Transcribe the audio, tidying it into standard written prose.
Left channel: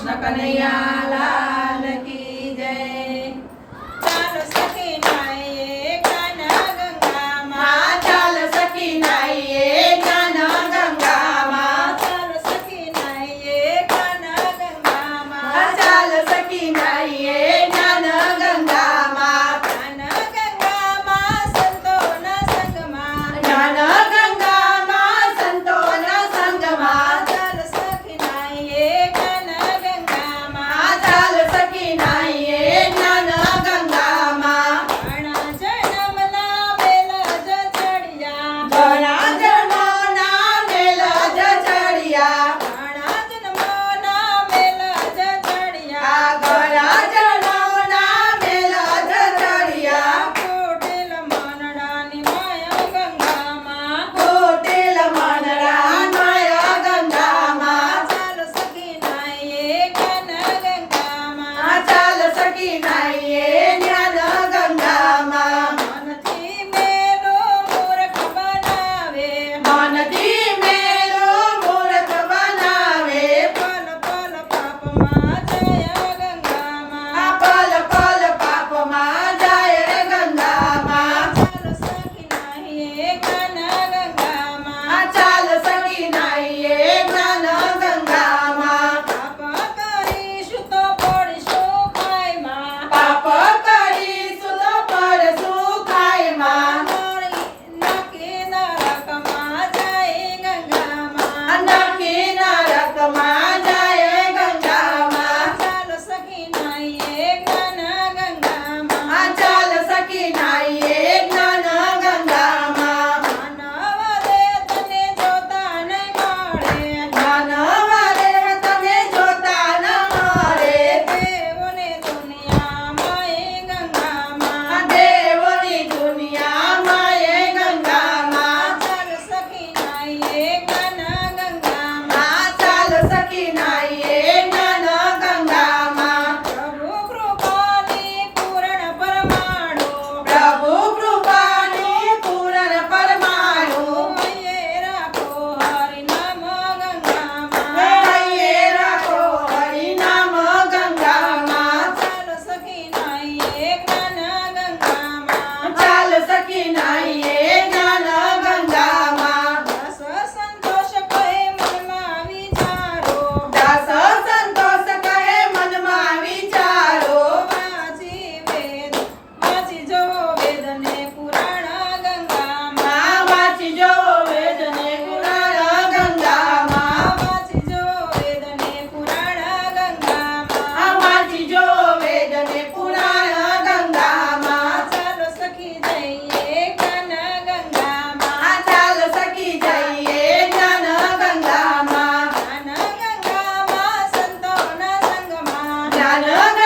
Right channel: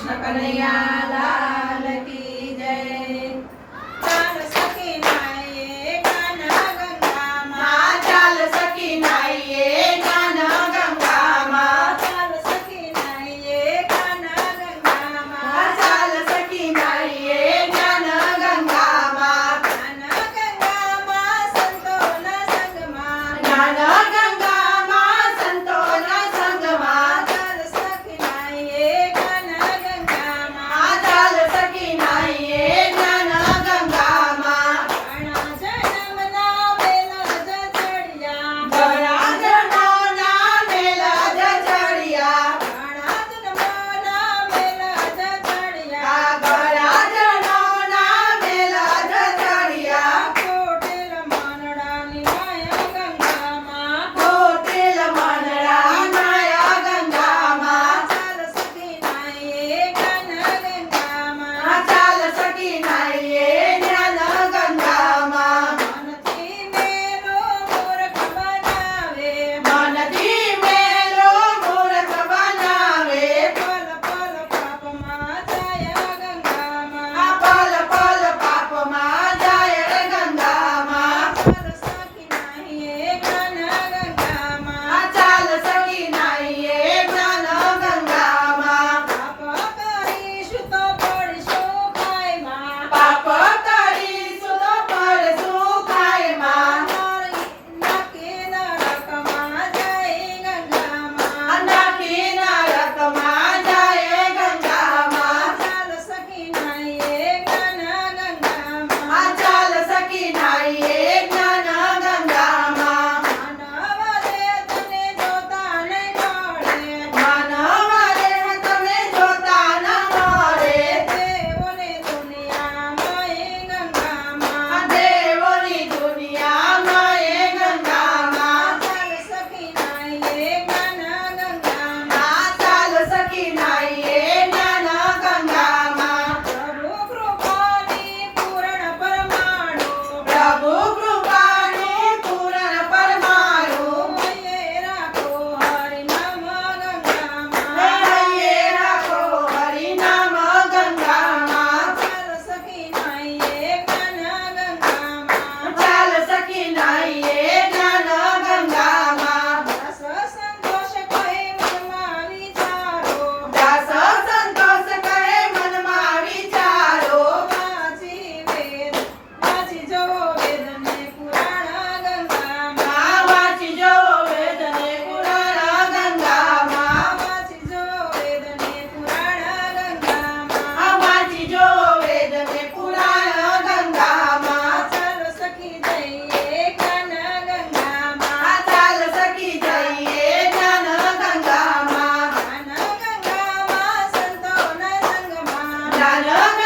કૃષ્ણ કનૈયા લાલ કી જય। ચાલો સખી નાઈએ કાના ગંગામાં, ચાલ સખી નાઈએ કાના ગંગામાં, ચાલો સખી નાઈએ કાના ગંગામાં, ચાલ સખી નાઈએ જ્ઞાન ગંગામાં, કાના ગંગામાં સંતોના સંગમાં, જ્ઞાન ગંગામાં સંતોના સંગમાં, ચાલો સખી નાઈએ કાના ગંગામાં, ચાલ સખી નાઈએ જ્ઞાન ગંગામાં, ઘણા જન્મના વેલા જ ચડ્યા, ઘણા જન્મોના મેલ જ ચડ્યા, ઘણા જન્મોના વેલા જ ચડ્યા, ઘણા જન્મોના મેલ જ ચડ્યા, કોટેલ માનડાની માયા ગંગામાં, કોટેલ મંડળા માયા ગંગામાં, ચાલ સખી નાઈએ કાના ગંગામાં, ચાલ સખી નાઈએ જ્ઞાન ગંગામાં, મનથી મેલો મૂર્ખ બનાવે, મનથી મેલો મૂર્ખ બનાવે, પલ પલ પાપમાં જાય ગંગામાં, પલ પલ પાપમાં જાય ગંગામાં, ચાલ સખી નાઈએ કાના ગંગામાં, ચાલ સખી નાઈએ જ્ઞાન ગંગામાં, પાપ કરીશું તો પડીશું ખાઈમાં, પાપ કરીશું તો પડશું ખાઈમાં, નરકી નરકમાં જાય ગંગામાં, નરકી નરકમાં જાય ગંગામાં, ચાલ સખી નાઈએ કાના ગંગામાં, ચાલ સખી નાઈએ જ્ઞાન ગંગામાં, માનવ દેહ તને જોતા નહીં મળે, માનવરે તમે જોતા ન મળે, દેવોને દુનિયામાં એ ગંગામાં, દેવોની દુનિયામાં એ ગંગામાં, ચાલ સખી નાઈએ કાના ગંગામાં, ચાલ સખી નાઈએ જ્ઞાન ગંગામાં, પ્રભુ કૃપાની પૂર્ણ પરમાણુ, પ્રભુ કૃપાની પૂર્ણ પરમાણુ, હૈયે રાખો હરિનામ ગંગામાં, હૈયે રાખો હરિનામ ગંગામાં, ચાલ સખી નાઈએ કાના ગંગામાં, ચાલ સખી નાઈએ જ્ઞાન ગંગામાં, રસ સંતોષ કહે મનમાં વિચારો, દાસ સંતોષ કહે મનમાં વિચારો, વાંચી જવો વેદ ને પુરાણ ગંગામાં, વાંચી જોવો વેદ ને પુરાણ ગંગામાં, વાંચી જવો વેદ ને પુરાણ ગંગામાં, વાંચી જોવો વેદ ને પુરાણ ગંગામાં, ચાલો સખી જઈએ કાના ગંગામાં, ચાલ સખી જઈએ જ્ઞાન ગંગામાં, કાના ગંગામાં સંતોના સંગમાં, જ્ઞાન